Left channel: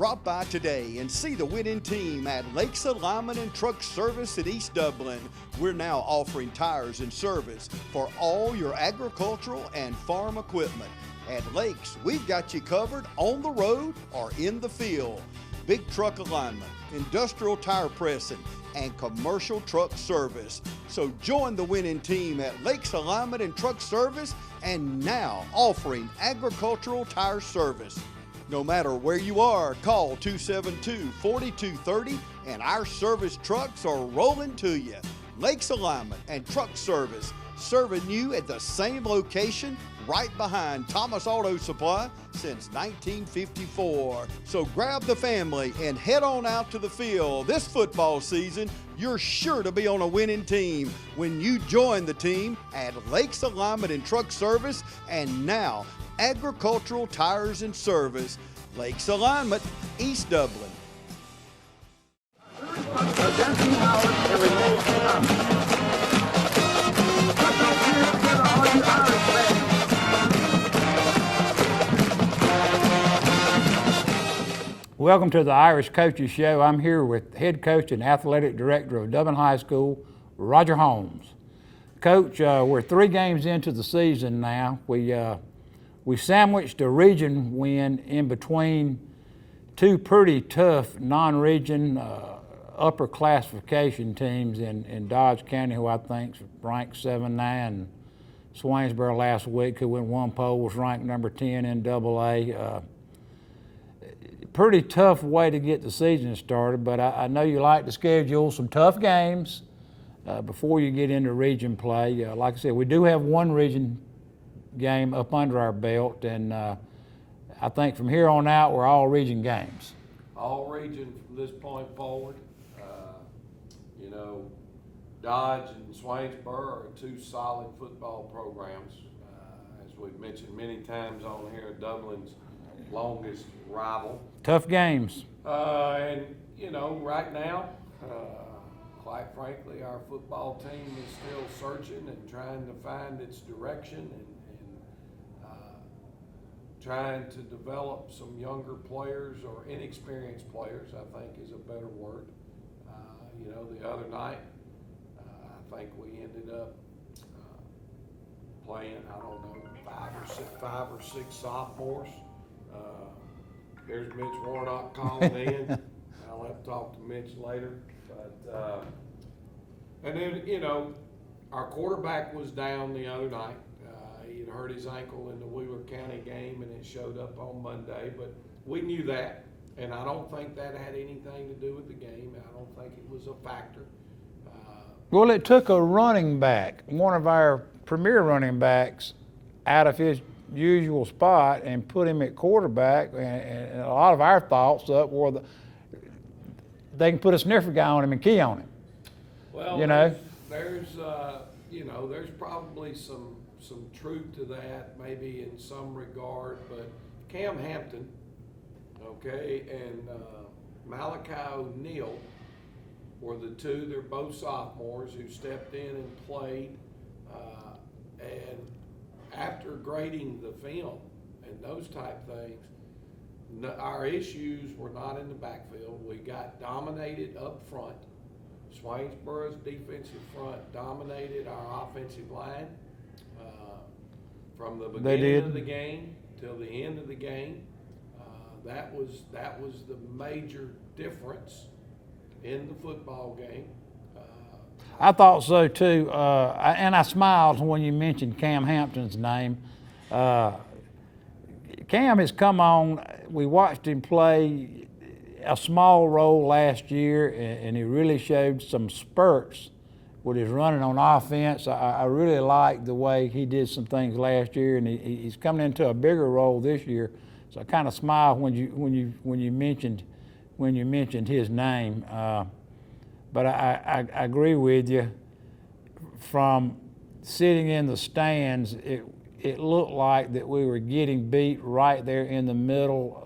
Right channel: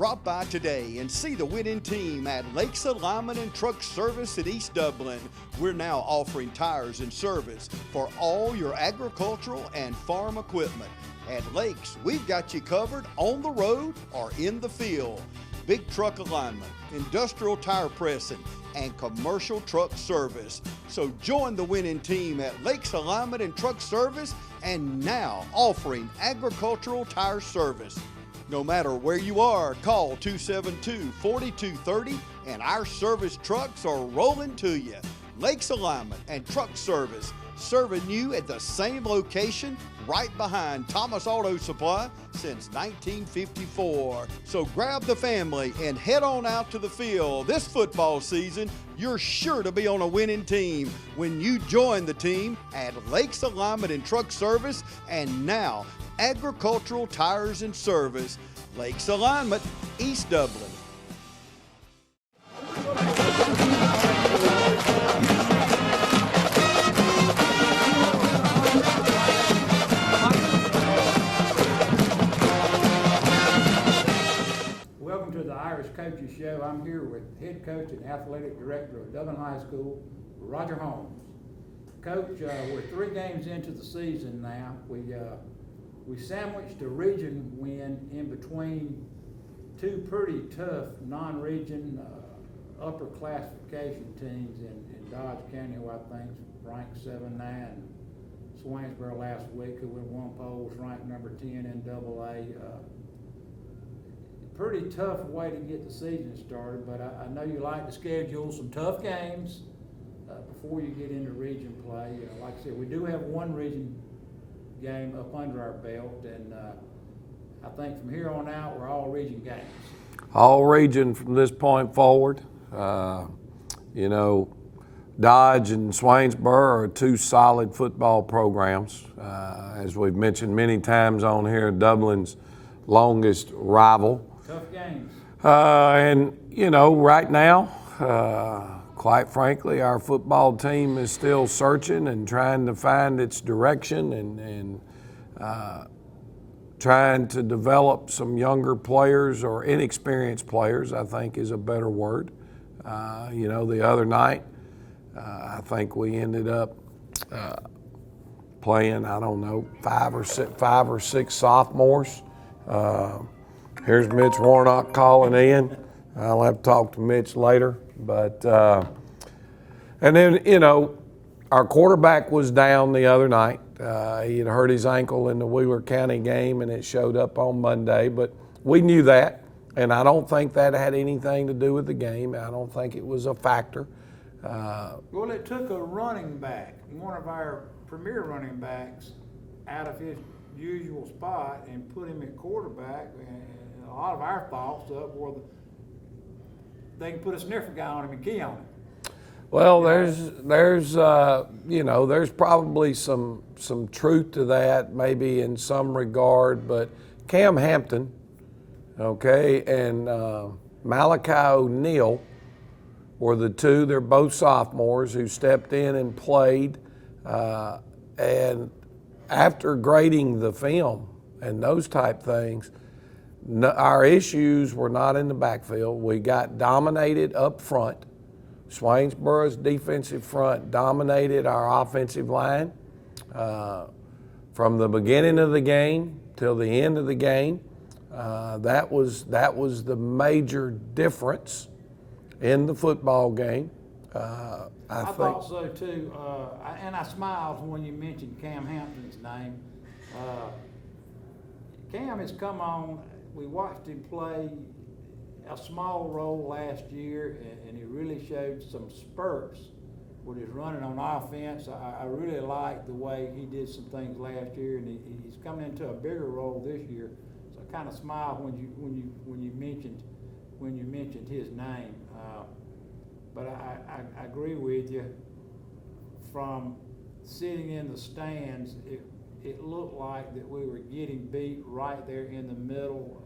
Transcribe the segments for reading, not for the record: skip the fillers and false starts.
Drop by today and see the winning team at Lakes Alignment and Truck Service at East Dublin. We're now offering tires and service for all your agricultural and farm equipment. At Lakes, we've got you covered on the road or in the field. Big truck alignment, industrial tire pressing, and commercial truck service. So join the winning team at Lakes Alignment and Truck Service, and now offering agricultural tire service. No matter where you are, call 272-4230 and our service trucks are rolling to you. Lakes Alignment and Truck Service, serving you at the same location right behind Thomas Auto Supply since 1954. So grab the family and head on out to the field. This football season, you're sure to be on a winning team when you join the team at Lakes Alignment and Truck Service, and now agricultural tires and service. Lakes Alignment, East Dublin. Welcome to the Irish Coaches Show. I'm here with head coach and athletic director of Dublin High School, Roger Holmes. Coach, we're 3 games into the season now. We sandwiched a region win in between 2 pretty tough non-region upper classification teams in Dodge County, who I think ranked 7-9. Swainsboro last week, who went 1 poll, was ranked number 10 in AA. Pretty tough way to get the season started, but I know you like to schedule some tough games before you get into region play. Like I said, we do have 1 region game up under our belt, and I think from here on out we're all region games. All region from this point forward. Dodge and Swainsboro are 2 solid football programs. As we've mentioned many times on here, Dublin's longest rival. Tough games. Right now, quite frankly, our football team is still searching and trying to find its direction and trying to develop some younger players, or inexperienced players, I think is a better word. The other night, I think we ended up playing, 5 or 6 sophomores. Here's Mitch Warnock calling in. I'll have to talk to Mitch later. But and then, our quarterback was down the other night. He had hurt his ankle in the Wheeler County game, and it showed up on Monday. But we knew that, and I don't think that had anything to do with the game. I don't think it was a factor. Well, it took a running back, one of our premier running backs, out of his usual spot and put him at quarterback, and a lot of our thoughts up were they can put a sniffer guy on him and key on him. Well, there's probably some truth to that, maybe in some regard, but Cam Hampton, and Malachi O'Neal were the 2. They're both sophomores who stepped in and played, and after grading the film and those type things, our issues were not in the backfield. We got dominated up front. Swainsboro's defensive front dominated our offensive line from the beginning of the game till the end of the game. That was the major difference in the football game. I thought so too, and I smiled when you mentioned Cam Hampton's name. Cam has come on. We watched him play a small role last year, and he really showed some spurts with his running on offense. I really liked the way he did some things last year, and he's coming into a bigger role this year. So I kind of smiled when you mentioned his name. But I agree with you. From sitting in the stands, it looked like that we were getting beat right there in the middle.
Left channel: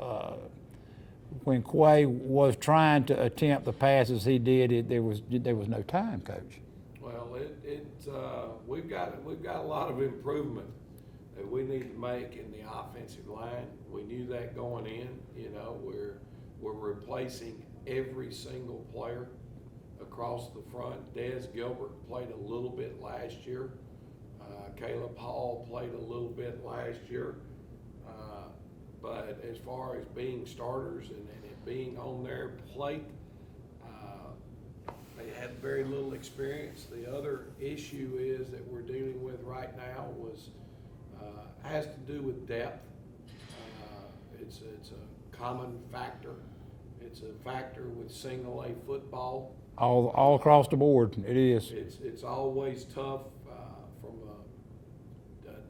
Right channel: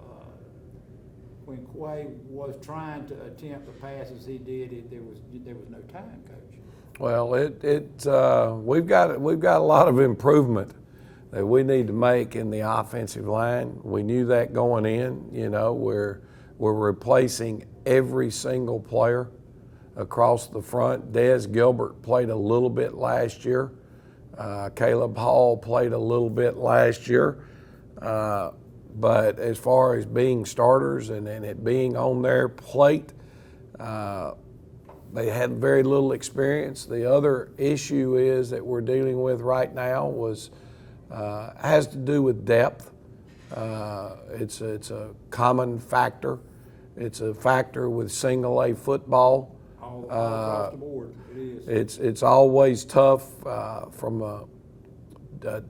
When Quay was trying to attempt the passes he did, there was no time, Coach. Well, we've got a lot of improvement that we need to make in the offensive line. We knew that going in. We're We're replacing every single player across the front. Des Gilbert played a little bit last year. Caleb Hall played a little bit last year. But as far as being starters and it being on their plate, they had very little experience. The other issue is that we're dealing with right now has to do with depth. It's a common factor. It's a factor with single A football. All across the board, it is. It's always tough from a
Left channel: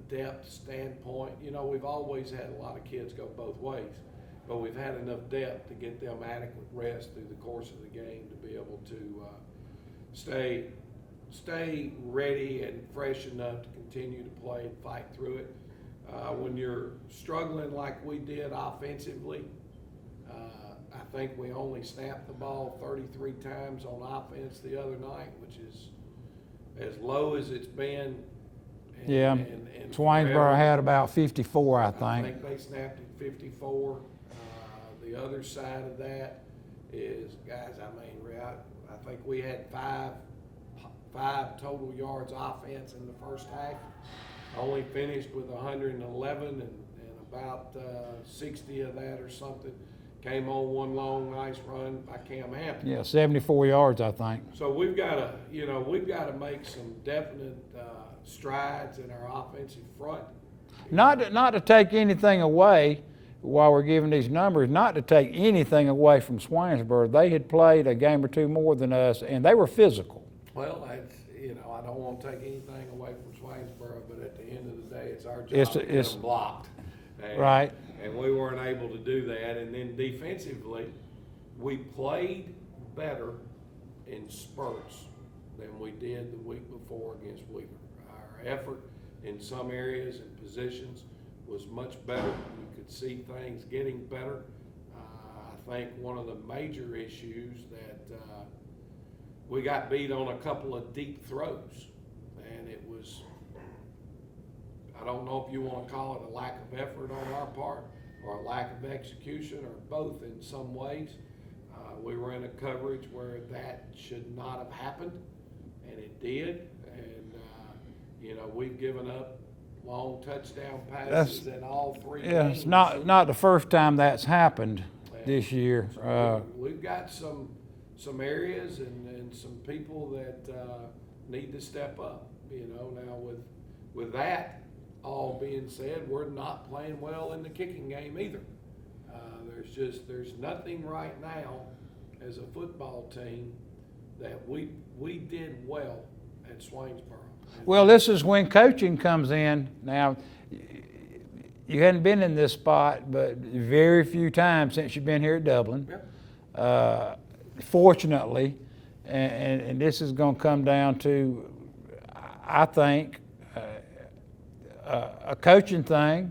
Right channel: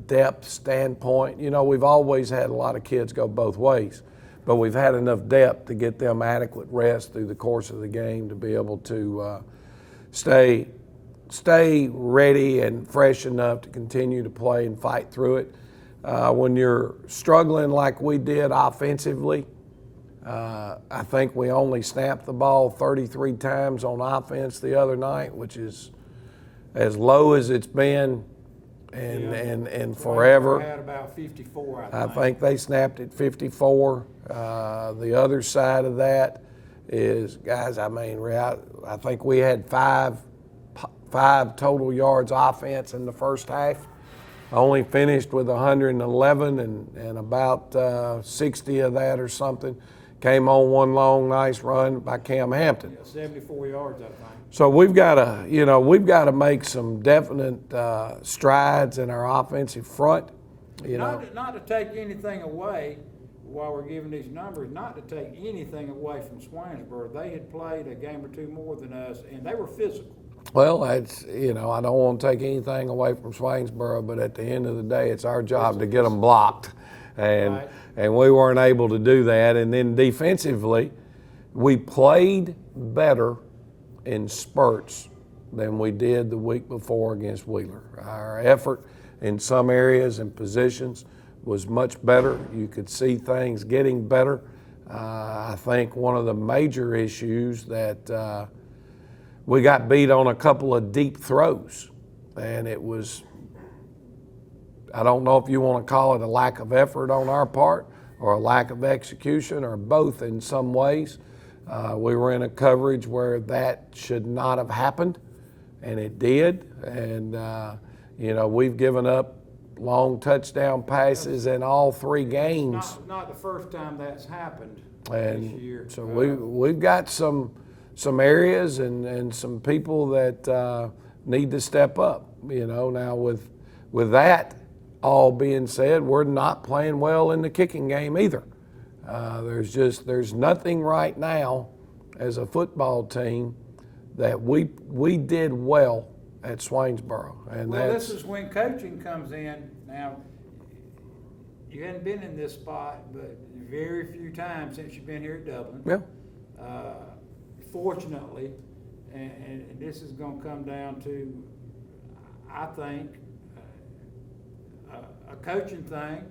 depth standpoint. You know, we've always had a lot of kids go both ways, but we've had enough depth to get them adequate rest through the course of the game to be able to stay ready and fresh enough to continue to play and fight through it. When you're struggling like we did offensively, I think we only snapped the ball 33 times on offense the other night, which is as low as it's been in forever. Swainsboro had about 54, I think. I think they snapped at 54. The other side of that is, guys, I mean, I think we had five total yards offense in the first half. Only finished with 111 and about 60 of that or something came on one long, nice run by Cam Hampton. Yeah, 74 yards, I think. So we've got to make some definite strides in our offensive front. Not to take anything away while we're giving these numbers, not to take anything away from Swainsboro. They had played a game or two more than us, and they were physical. Well, that's, I don't want to take anything away from Swainsboro, but at the end of the day, it's our job to get them blocked. Right. And we weren't able to do that. And then defensively, we played better in spurts than we did the week before against Wheeler. Our effort in some areas and positions was much better. You could see things getting better. I think one of the major issues that we got beat on a couple of deep throws, and it was, I don't know if you want to call it a lack of effort on our part or a lack of execution or both in some ways. We were in a coverage where that should not have happened, and it did. And, we've given up long touchdown passes in all three games. It's not the first time that's happened this year. So we've got some areas and some people that need to step up. Now with that all being said, we're not playing well in the kicking game either. There's nothing right now as a football team that we did well at Swainsboro. And well, this is when coaching comes in. Now, you hadn't been in this spot, but very few times since you've been here at Dublin. Yeah. Fortunately, and this is going to come down to, I think, a coaching thing,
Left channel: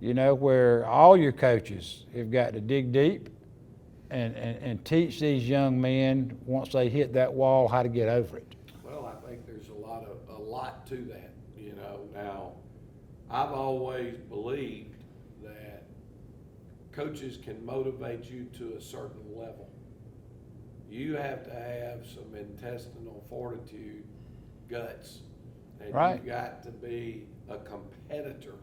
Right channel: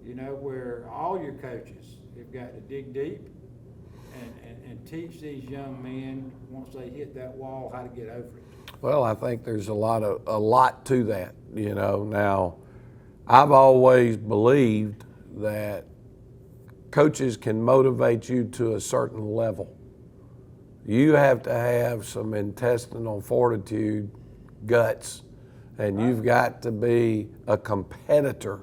where all your coaches have got to dig deep and teach these young men once they hit that wall how to get over it. Well, I think there's a lot to that. Now, I've always believed that coaches can motivate you to a certain level. You have to have some intestinal fortitude, guts, and right. You've got to be a competitor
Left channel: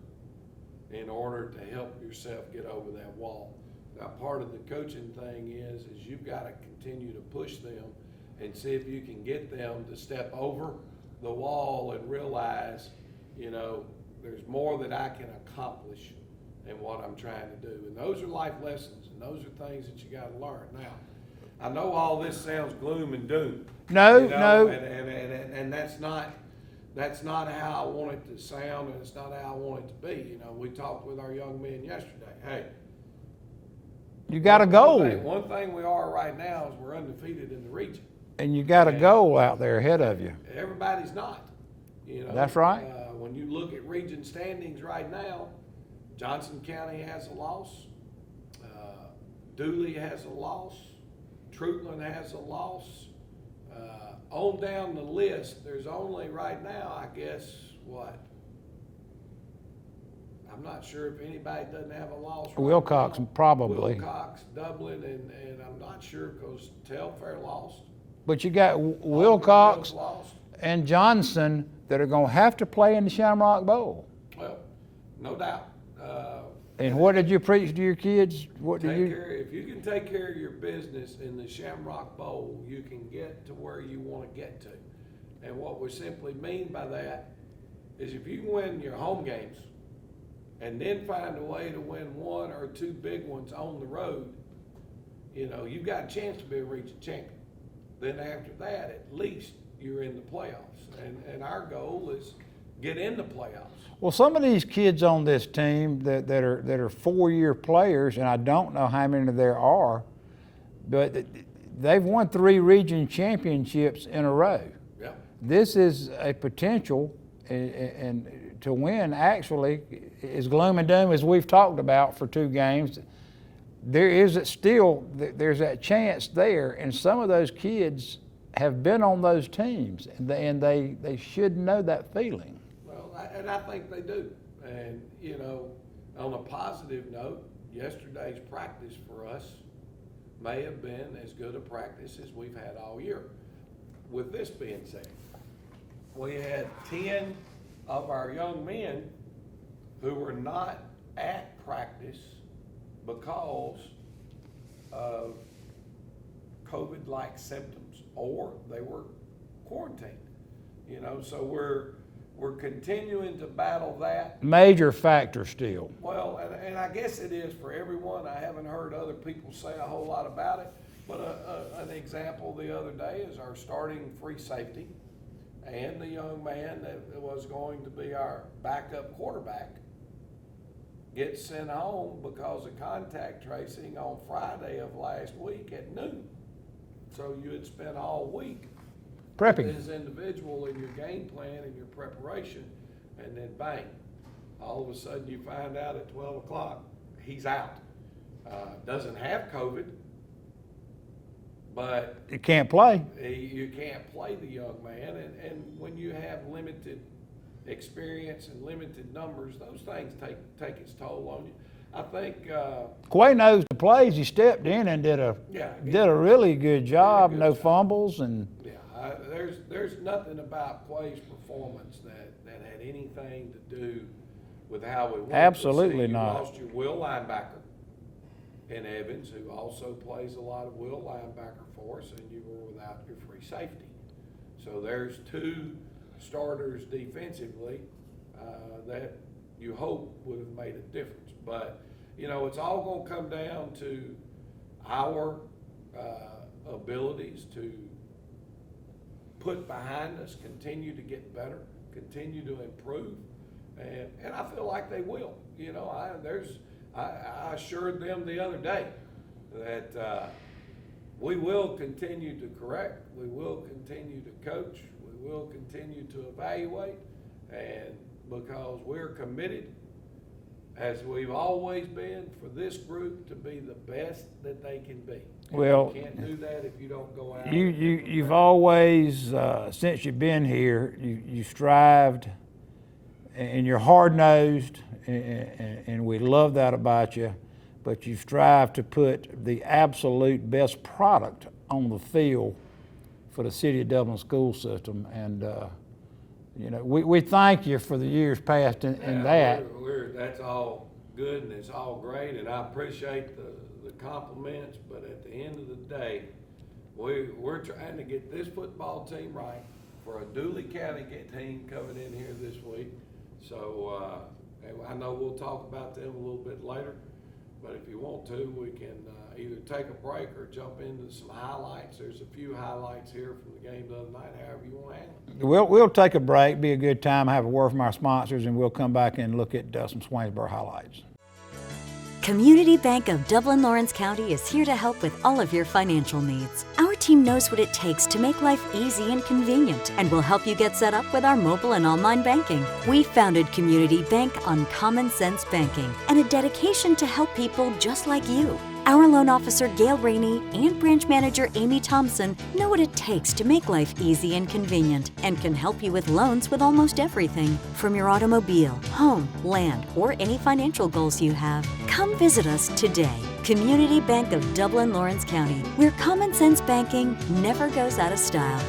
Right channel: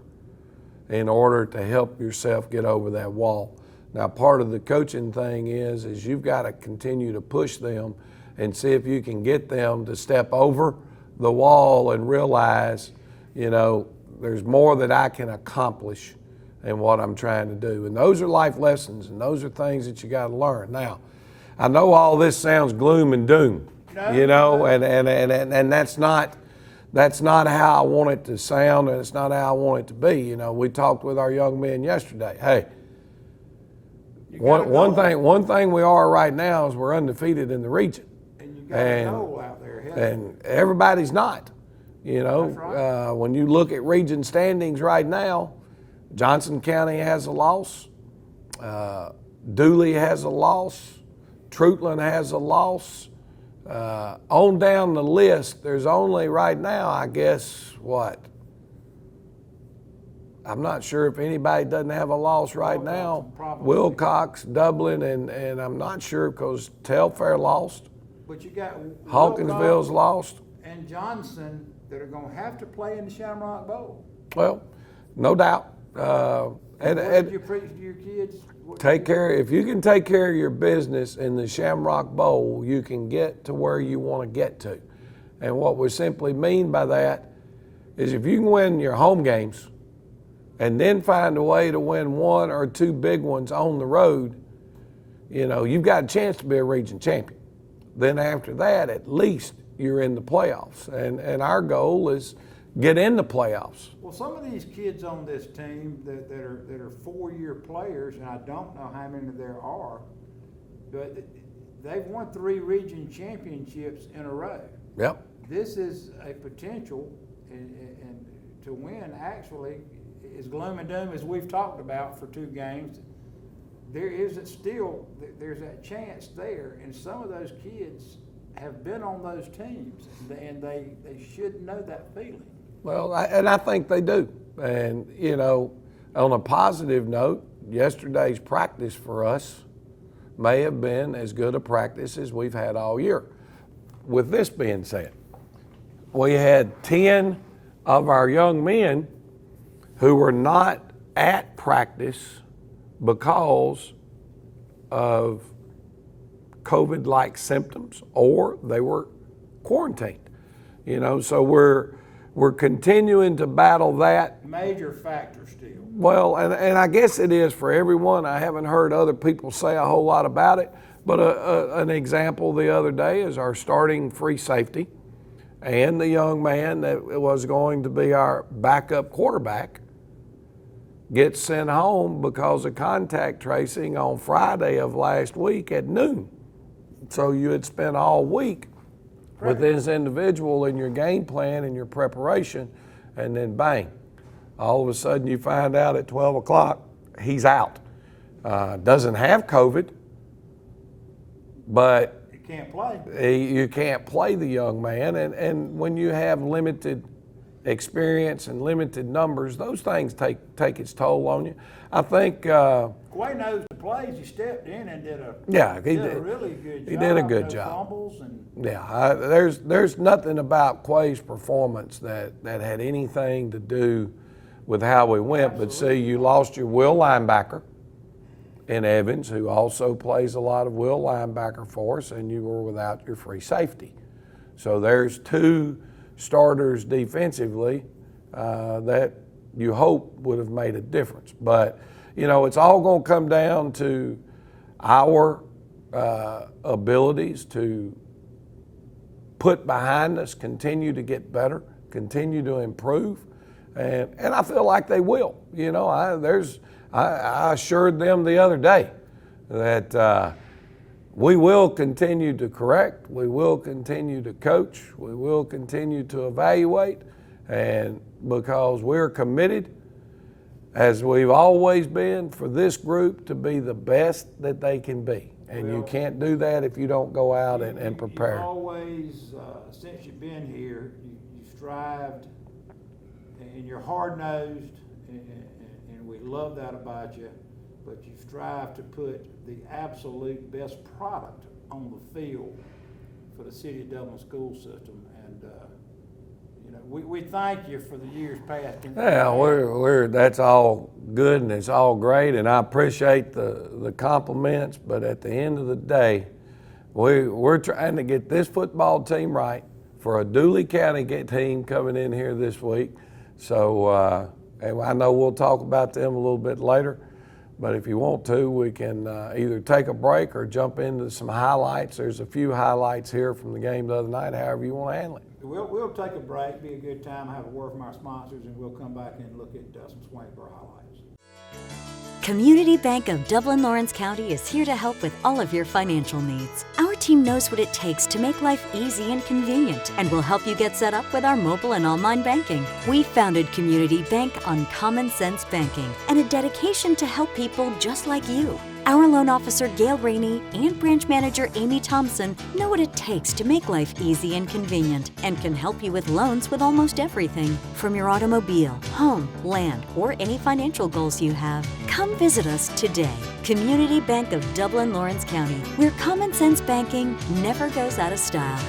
in order to help yourself get over that wall. Now, part of the coaching thing is you've got to continue to push them and see if you can get them to step over the wall and realize, there's more that I can accomplish in what I'm trying to do. And those are life lessons, and those are things that you got to learn. Now, I know all this sounds gloom and doom. No. And that's not how I want it to sound, and it's not how I want it to be. We talked with our young men yesterday. Hey, you got a goal. One thing we are right now is we're undefeated in the region. And you got a goal out there ahead of you. Everybody's not. That's right. When you look at region standings right now, Johnson County has a loss. Dooley has a loss. Troutland has a loss. On down the list, there's only right now, I guess, I'm not sure if anybody doesn't have a loss right Wilcox, now. probably. Wilcox, Dublin, and I'm not sure because Telfair lost. But you got Hawkinsville's Wilcox lost. and Johnson that are going to have to play in the Shamrock Bowl. Well, no doubt. And what did you preach to your kids? If you can take care of your business in the Shamrock Bowl, you can get to where you want to get to. And what we simply mean by that is if you can win your home games and then find a way to win one or two big ones on the road, you've got a chance to be a region champion. Then after that, at least you're in the playoffs. And our goal is get in the playoffs. Well, some of these kids on this team that are 4-year players, and I don't know how many there are, but they've won 3 region championships in a row. Yep. This is a potential, and to win actually, as gloom and doom as we've talked about for 2 games, there's that chance there, and some of those kids have been on those teams, and they should know that feeling. Well, I think they do. And, on a positive note, yesterday's practice for us may have been as good a practice as we've had all year. With this being said, we had 10 of our young men who were not at practice because of COVID-like symptoms, or they were quarantined. So we're continuing to battle that. Major factor still. Well, and I guess it is for everyone. I haven't heard other people say a whole lot about it, but an example the other day is our starting free safety and the young man that was going to be our backup quarterback gets sent home because of contact tracing on Friday of last week at noon. So you had spent all week with this individual in your game plan and your preparation, and then bang, all of a sudden you find out at 12 o'clock he's out. Doesn't have COVID, but You can't play. you can't play the young man, and when you have limited experience and limited numbers, those things take its toll on you. I think Quay knows the plays. He stepped in and did a really good job. No fumbles and there's nothing about Quay's performance that had anything to do with how we went. Absolutely But see, you not. lost your will linebacker in Evans, who also plays a lot of will linebacker for us, and you were without your free safety. So there's 2 starters defensively that you hope would have made a difference. But, it's all going to come down to our abilities to put behind us, continue to get better, continue to improve, and I feel like they will. I assured them the other day that we will continue to correct, we will continue to coach, we will continue to evaluate, and because we're committed, as we've always been, for this group to be the best that they can be. And you can't do that if you don't go out and prepare. You've always, since you've been here, you strived, and you're hard-nosed, and we love that about you, but you strive to put the absolute best product on the field for the City of Dublin school system. And we thank you for the years past. That's all good and it's all great, and I appreciate the compliments. But at the end of the day, we're trying to get this football team right for a Dooley County team coming in here this week. So I know we'll talk about them a little bit later. But if you want to, we can either take a break or jump into some highlights. There's a few highlights here from the game the other night, however you want to handle it. We'll take a break, be a good time, have a word from our sponsors, and we'll come back and look at some Swainsboro highlights. Community Bank of Dublin Lawrence County is here to help with all of your financial needs. Our team knows what it takes to make life easy and convenient, and will help you get set up with our mobile and online banking. We founded Community Bank on common sense banking and a dedication to help people just like you. Our loan officer Gail Rainey and branch manager Amy Thompson know what it takes to make life easy and convenient and can help you with loans with almost everything, from your automobile, home, land, or any financial goals you have. Come visit us today. Community Bank of Dublin, Lawrence County, where common sense banking never goes out of style.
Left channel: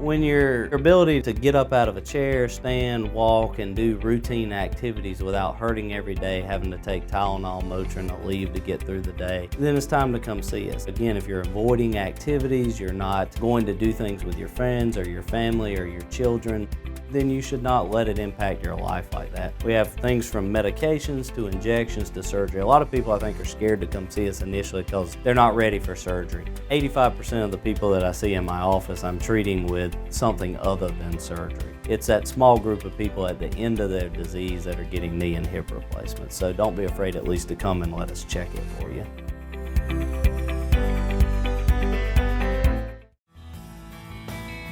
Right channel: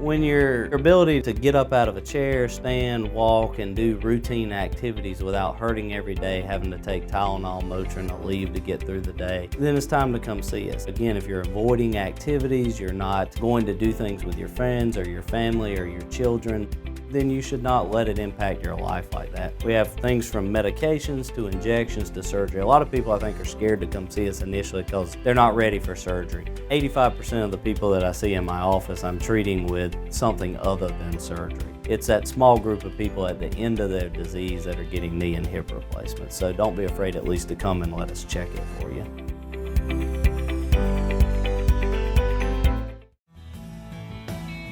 When your ability to get up out of a chair, stand, walk, and do routine activities without hurting every day, having to take Tylenol, Motrin, or leave to get through the day, then it's time to come see us. Again, if you're avoiding activities, you're not going to do things with your friends or your family or your children, then you should not let it impact your life like that. We have things from medications to injections to surgery. A lot of people, I think, are scared to come see us initially because they're not ready for surgery. 85% of the people that I see in my office, I'm treating with something other than surgery. It's that small group of people at the end of their disease that are getting knee and hip replacements. So don't be afraid at least to come and let us check it for you.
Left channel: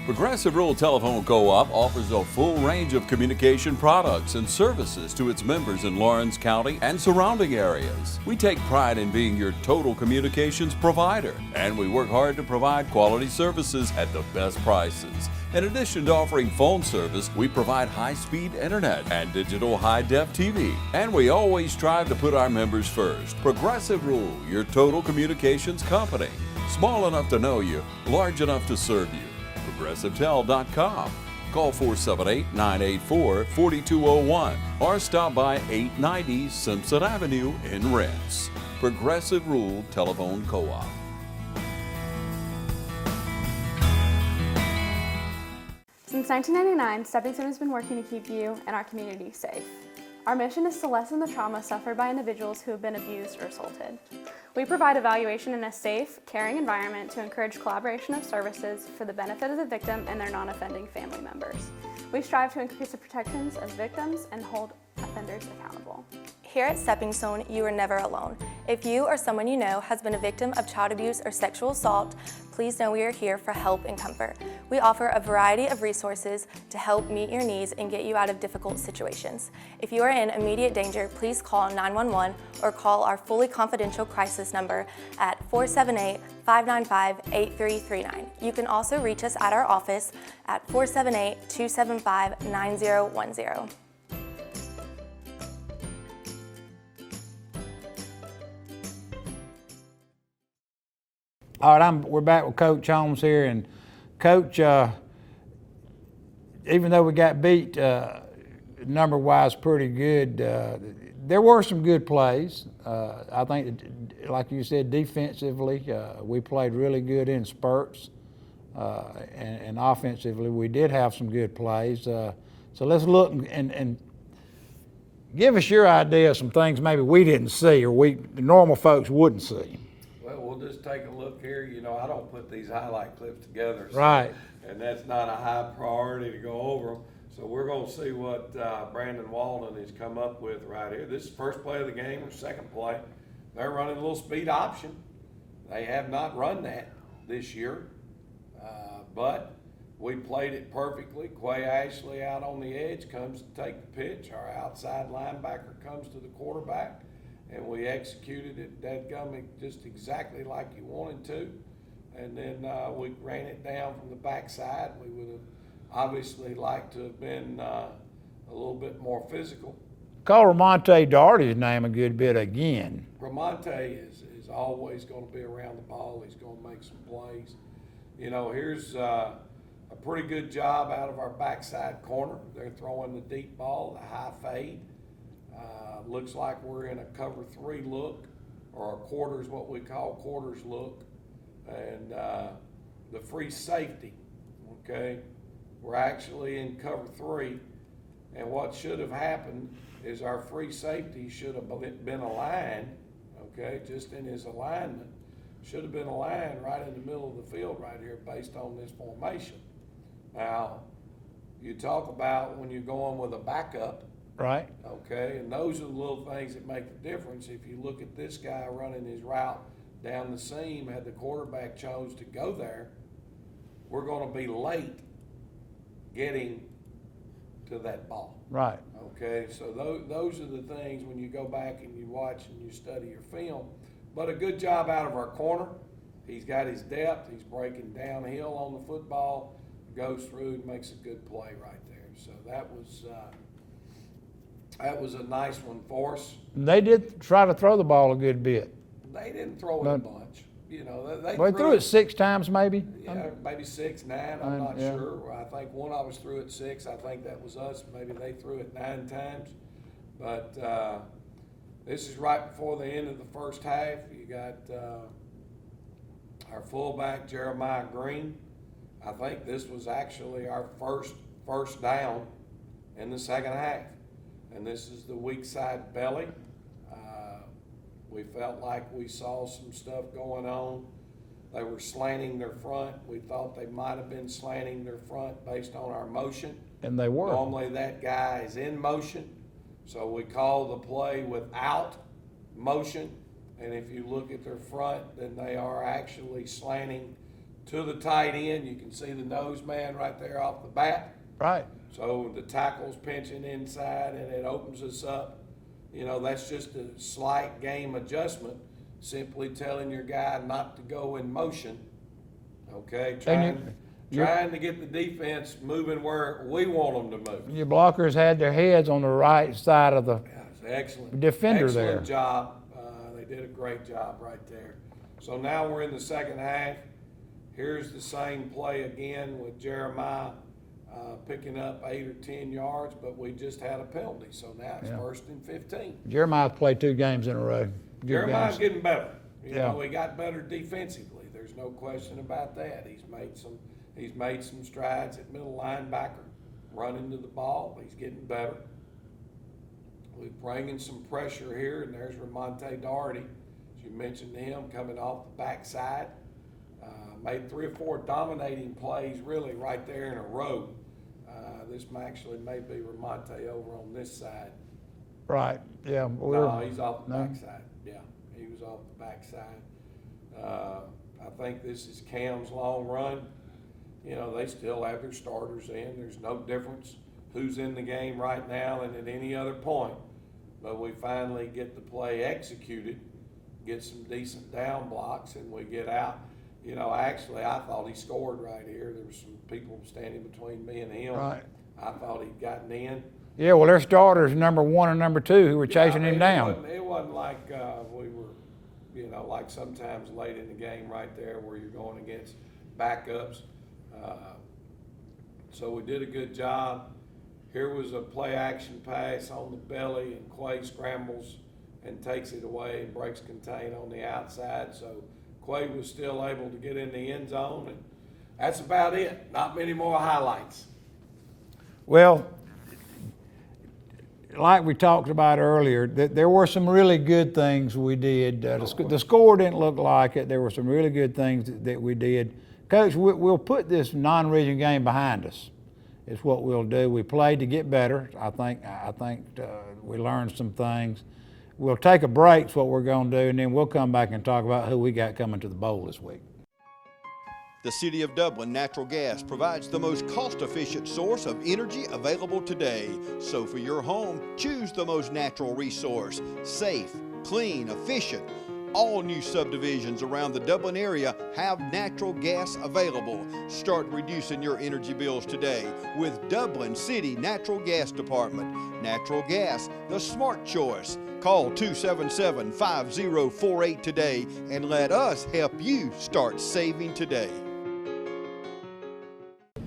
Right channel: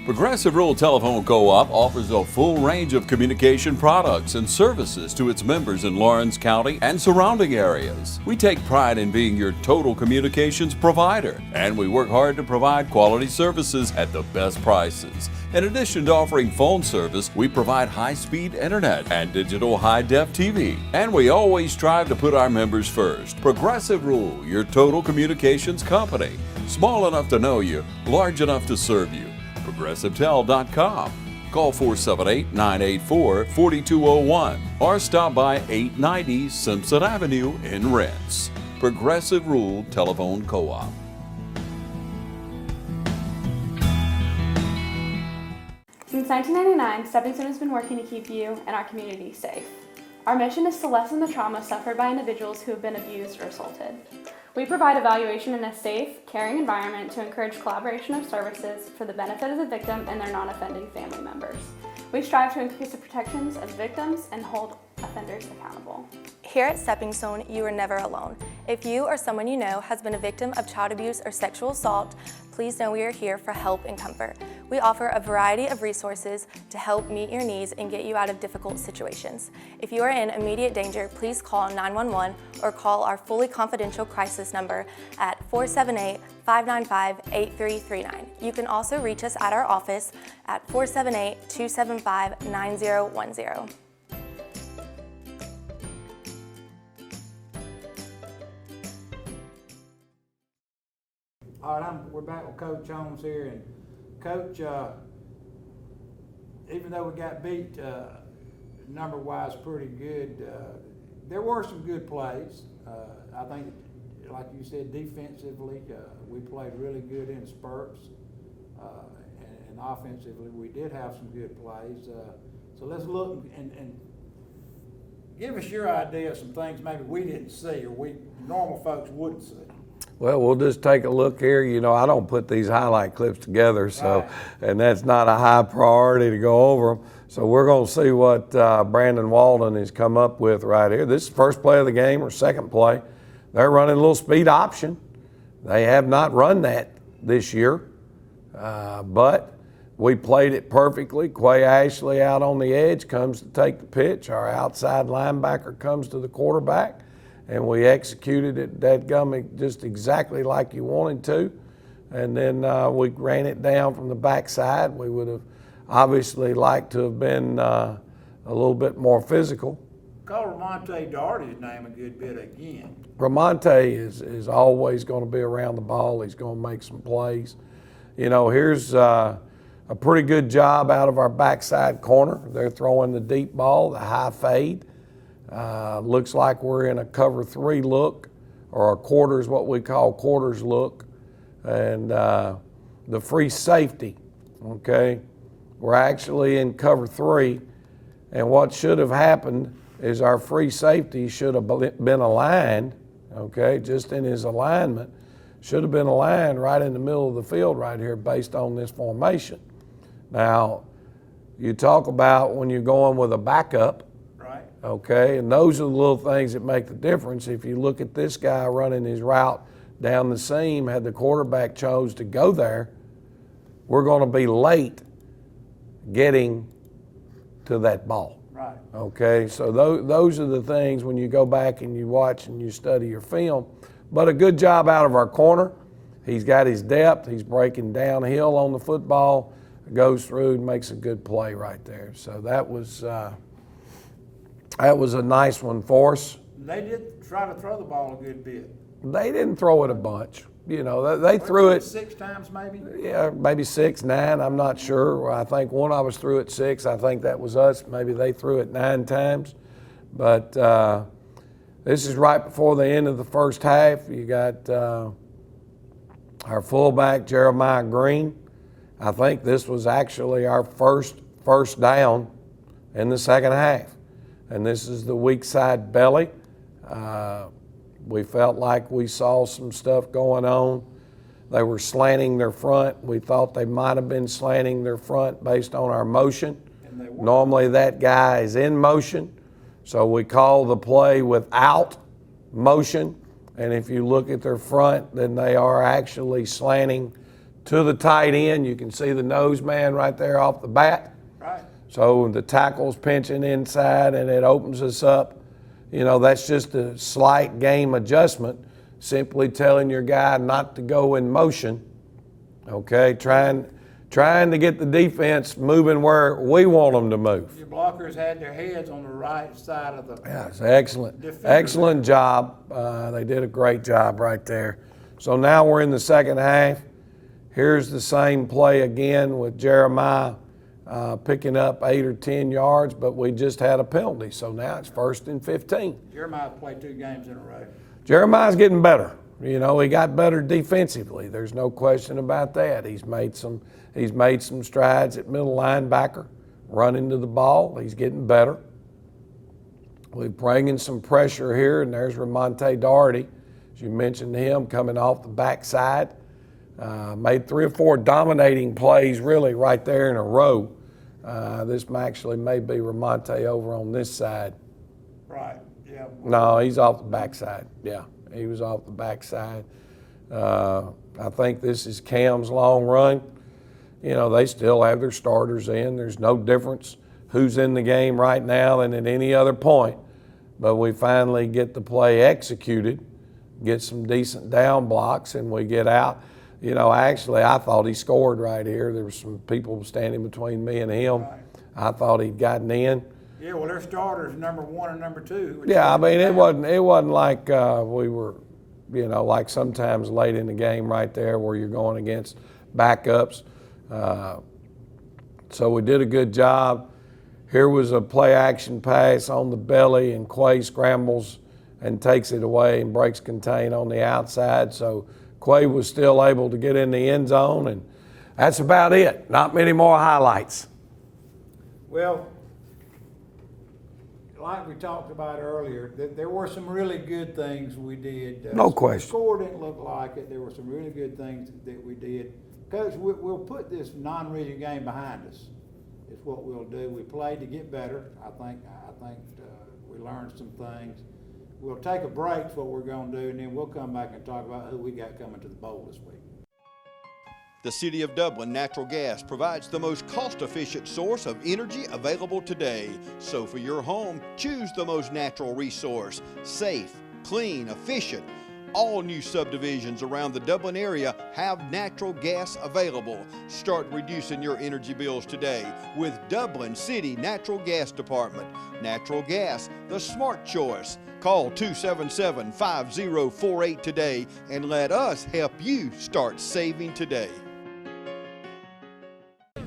Progressive Rural Telephone Co-op offers a full range of communication products and services to its members in Lawrence County and surrounding areas. We take pride in being your total communications provider, and we work hard to provide quality services at the best prices. In addition to offering phone service, we provide high-speed internet and digital high-def TV. And we always strive to put our members first. Progressive Rural, your total communications company. Small enough to know you, large enough to serve you. ProgressiveTel.com. Call 478-984-4201 or stop by 890 Simpson Avenue in Rents. Progressive Rural Telephone Co-op. Since 1999, Stepping Stone has been working to keep you and our community safe. Our mission is to lessen the trauma suffered by individuals who have been abused or assaulted. We provide evaluation in a safe, caring environment to encourage collaboration of services for the benefit of the victim and their non-offending family members. We strive to increase the protections of victims and hold offenders accountable. Here at Stepping Stone, you are never alone. If you or someone you know has been a victim of child abuse or sexual assault, please know we are here for help and comfort. We offer a variety of resources to help meet your needs and get you out of difficult situations. If you are in immediate danger, please call 911 or call our fully confidential crisis number at 478-595-8339. You can also reach us at our office at 478-275-9010. All right, we're back with Coach Holmes here, and Coach, even though we got beat number-wise pretty good, there were some good plays. I think, like you said, defensively, we played really good in spurts, and offensively, we did have some good plays. So let's look and give us your idea of some things maybe we didn't see or the normal folks wouldn't see. Well, we'll just take a look here. You know, I don't put these highlight clips together, so Right. And that's not a high priority to go over them. So we're going to see what Brandon Walden has come up with right here. This is the first play of the game or second play. They're running a little speed option. They have not run that this year, but we played it perfectly. Quay Ashley out on the edge comes to take the pitch. Our outside linebacker comes to the quarterback. And we executed it dadgummit just exactly like you wanted to. And then we ran it down from the backside. We would have obviously liked to have been a little bit more physical. Call Ramonte Doherty's name a good bit again. Ramonte is always going to be around the ball. He's going to make some plays. You know, here's a pretty good job out of our backside corner. They're throwing the deep ball, the high fade. Looks like we're in a cover 3 look, or a quarters, what we call quarters look, and the free safety, okay? We're actually in cover 3, and what should have happened is our free safety should have been aligned, okay, just in his alignment, should have been aligned right in the middle of the field right here based on this formation. Now, you talk about when you're going with a backup, Right. okay, and those are the little things that make the difference. If you look at this guy running his route down the seam, had the quarterback chose to go there, we're going to be late getting to that ball. Right. Okay, so those are the things when you go back and you watch and you study your film. But a good job out of our corner. He's got his depth. He's breaking downhill on the football, goes through and makes a good play right there. So that was a nice one for us. They did try to throw the ball a good bit. They didn't throw it a bunch. You know, they Well, threw it 6 times maybe? Yeah, maybe 6, 9, I'm not sure. I think one of us threw it 6. I think that was us. Maybe they threw it 9 times. But this is right before the end of the first half. You got our fullback, Jeremiah Green. I think this was actually our first down in the second half. And this is the weak side belly. We felt like we saw some stuff going on. They were slanting their front. We thought they might have been slanting their front based on our motion. And they were. Normally that guy is in motion, so we call the play without motion. And if you look at their front, then they are actually slanting to the tight end. You can see the nose man right there off the bat. Right. So the tackle's pinching inside and it opens us up. You know, that's just a slight game adjustment, simply telling your guy not to go in motion, okay? Trying to get the defense moving where we want them to move. Your blockers had their heads on the right side of the It's excellent. defender Excellent there. job. They did a great job right there. So now we're in the second half. Here's the same play again with Jeremiah picking up 8 or 10 yards, but we just had a penalty. So now it's 1st and 15. Jeremiah played 2 games in a row. Jeremiah's getting better. You know, he got better defensively. There's no question about that. He's made some strides at middle linebacker, running to the ball. He's getting better. We're bringing some pressure here, and there's Ramonte Doherty, as you mentioned him, coming off the backside. Made 3 or 4 dominating plays really right there in a row. This actually may be Ramonte over on this side. Right, yeah. No, he's off the backside. Yeah, he was off the backside. I think this is Cam's long run. You know, they still have their starters in. There's no difference who's in the game right now than at any other point. But we finally get the play executed, get some decent down blocks, and we get out. You know, actually, I thought he scored right here. There were some people standing between me and him. Right. I thought he'd gotten in. Yeah, well, their starters, number 1 and number 2, who were chasing Yeah, I mean, him down. it wasn't like we were, you know, like sometimes late in the game right there where you're going against backups. So we did a good job. Here was a play action pass on the belly, and Quay scrambles and takes it away and breaks contain on the outside. So Quay was still able to get in the end zone, and that's about it. Not many more highlights. Well, like we talked about earlier, there were some really good things we did. No question. The score didn't look like it. There were some really good things that we did. Coach, we'll put this non-region game behind us. It's what we'll do. We played to get better. I think we learned some things. We'll take a break, is what we're going to do, and then we'll come back and talk about who we got coming to the bowl this week. The City of Dublin Natural Gas provides the most cost-efficient source of energy available today. So for your home, choose the most natural resource. Safe, clean, efficient. All new subdivisions around the Dublin area have natural gas available. Start reducing your energy bills today with Dublin City Natural Gas Department. Natural gas, the smart choice. Call 277-5048 today and let us help you start saving today.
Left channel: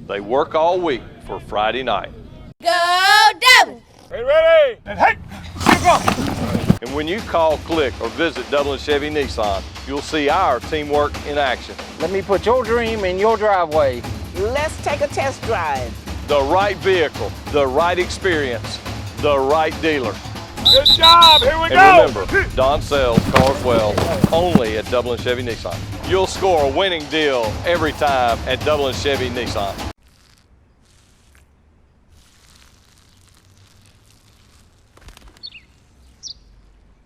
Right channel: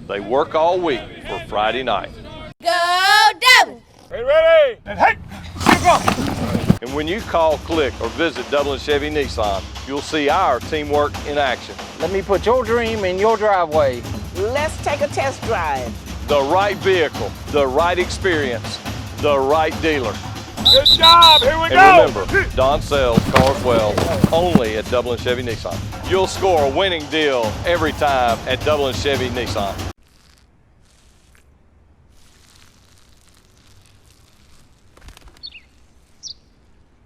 They work all week for Friday night. Go Dublin! Ready? And hey! And when you call, click, or visit Dublin Chevy Nissan, you'll see our teamwork in action. Let me put your dream in your driveway. Let's take a test drive. The right vehicle, the right experience, the right dealer. Good job, here we And remember, Don sells cars well only at Dublin Chevy Nissan. You'll score a winning deal every time at Dublin Chevy Nissan.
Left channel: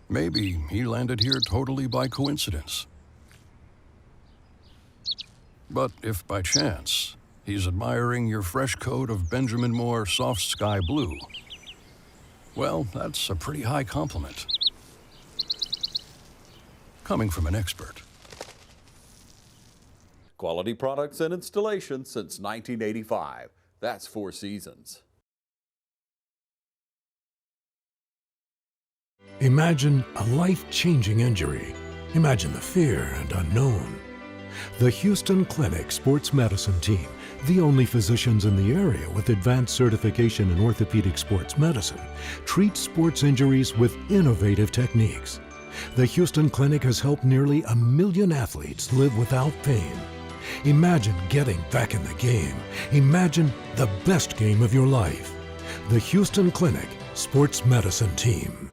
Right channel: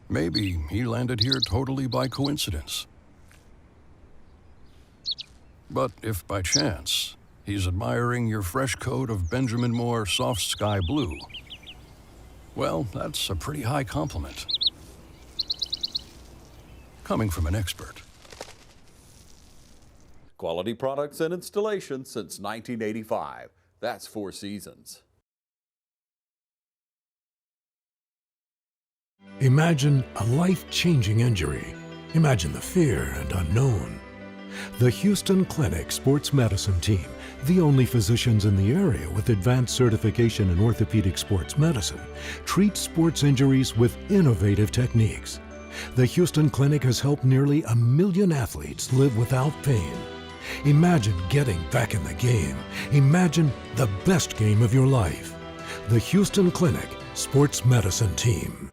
Maybe he landed here totally by coincidence. But if by chance, he's admiring your fresh coat of Benjamin Moore soft sky blue. Well, that's a pretty high compliment. Coming from an expert. Quality products and installation since 1985. That's Four Seasons. Imagine a life-changing injury. Imagine the fear and unknown. The Houston Clinic Sports Medicine Team, the only physicians in the area with advanced certification in orthopedic sports medicine, treats sports injuries with innovative techniques. The Houston Clinic has helped nearly 1 million athletes live without pain. Imagine getting back in the game. Imagine the best game of your life. The Houston Clinic Sports Medicine Team.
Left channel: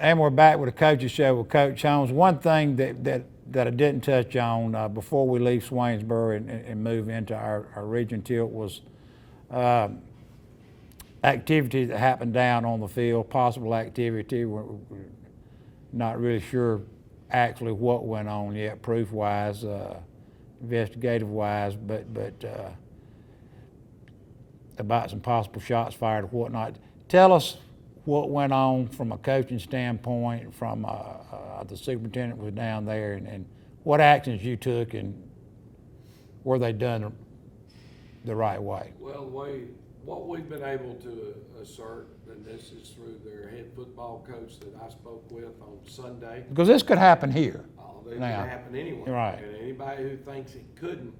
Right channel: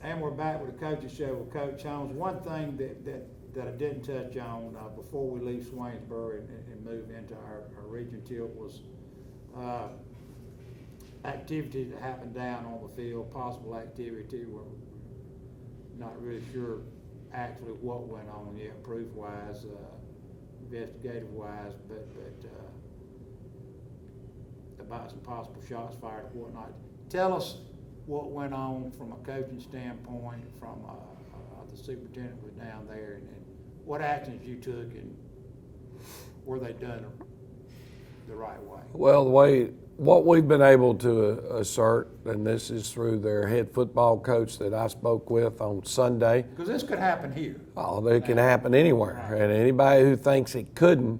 And we're back with the Coaches Show with Coach Holmes. One thing that I didn't touch on before we leave Swainsboro and move into our region tilt was activity that happened down on the field, possible activity. We're not really sure actually what went on yet, proof-wise, investigative-wise, but about some possible shots fired or whatnot. Tell us what went on from a coaching standpoint, from the superintendent was down there, and what actions you took, and were they done the right way? Well, what we've been able to assert, and this is through their head football coach that I spoke with on Sunday. Because this could happen here. Oh, it can happen anywhere. Right. And anybody who thinks it couldn't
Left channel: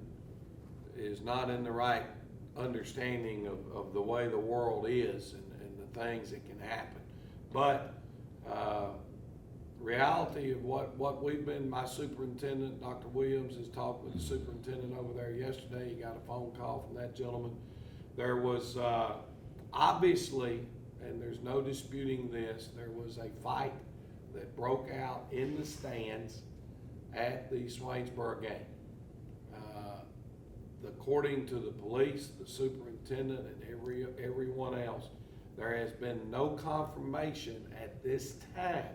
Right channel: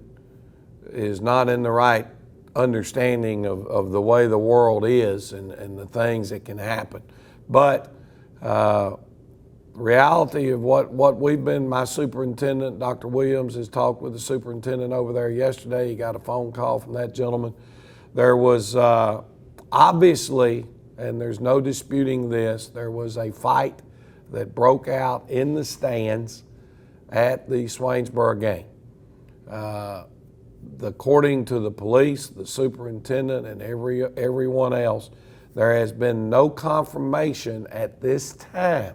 is not in the right understanding of the way the world is and the things that can happen. But reality of what we've been, my superintendent, Dr. Williams, has talked with the superintendent over there yesterday. He got a phone call from that gentleman. There was obviously, and there's no disputing this, there was a fight that broke out in the stands at the Swainsboro game. According to the police, the superintendent, and everyone else, there has been no confirmation at this time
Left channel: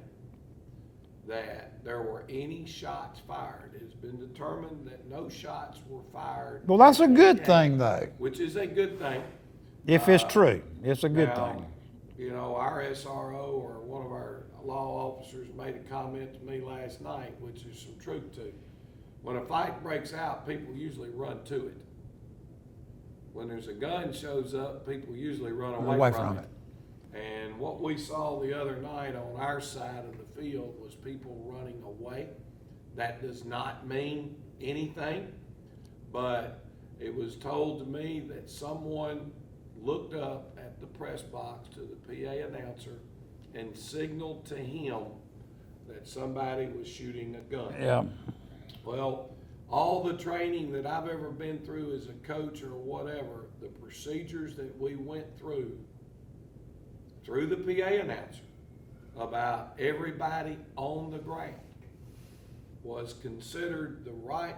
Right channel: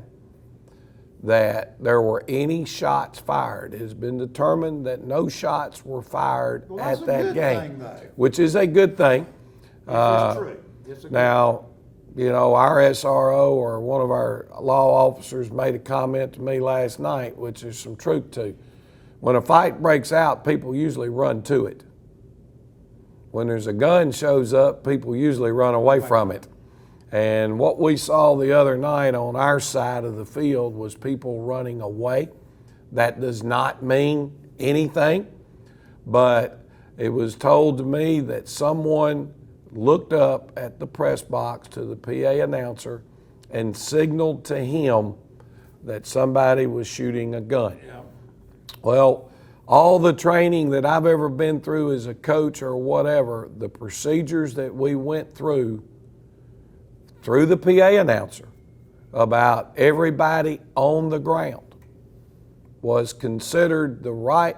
that there were any shots fired. It has been determined that no shots were fired. Well, that's at a that good game, thing, though. Which is a good thing. If it's true, it's a good Now, thing. you know, our SRO or one of our law officers made a comment to me last night, which is some truth to. When a fight breaks out, people usually run to it. When there's a gun shows up, people usually run away from it. And what we saw the other night on our side of the field was people running away. That does not mean anything, but it was told to me that someone looked up at the press box to the PA announcer and signaled to him that somebody was shooting a gun. Yeah. Well, all the training that I've ever been through as a coach or whatever, the procedures that we went through the PA announcer about everybody on the ground was considered the right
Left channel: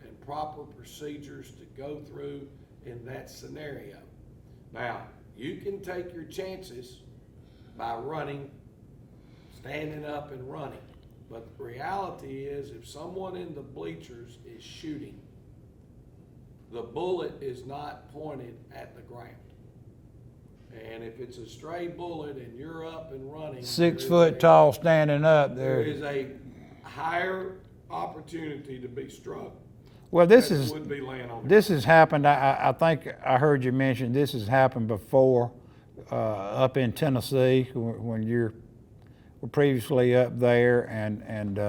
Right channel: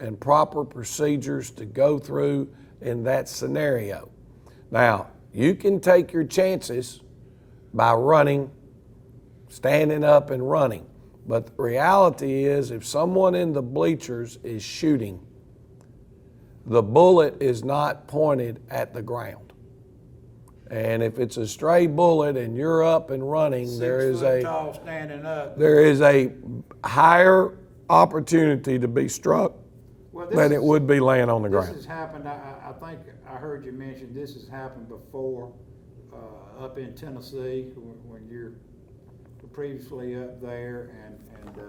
and proper procedures to go through in that scenario. Now, you can take your chances by running, standing up and running. But the reality is, if someone in the bleachers is shooting, the bullet is not pointed at the ground. And if it's a stray bullet and you're up and running, 6 foot tall standing up, there is a higher opportunity to be struck than it would be laying on the ground. This has happened, I think I heard you mention this has happened before up in Tennessee when you're previously up there, and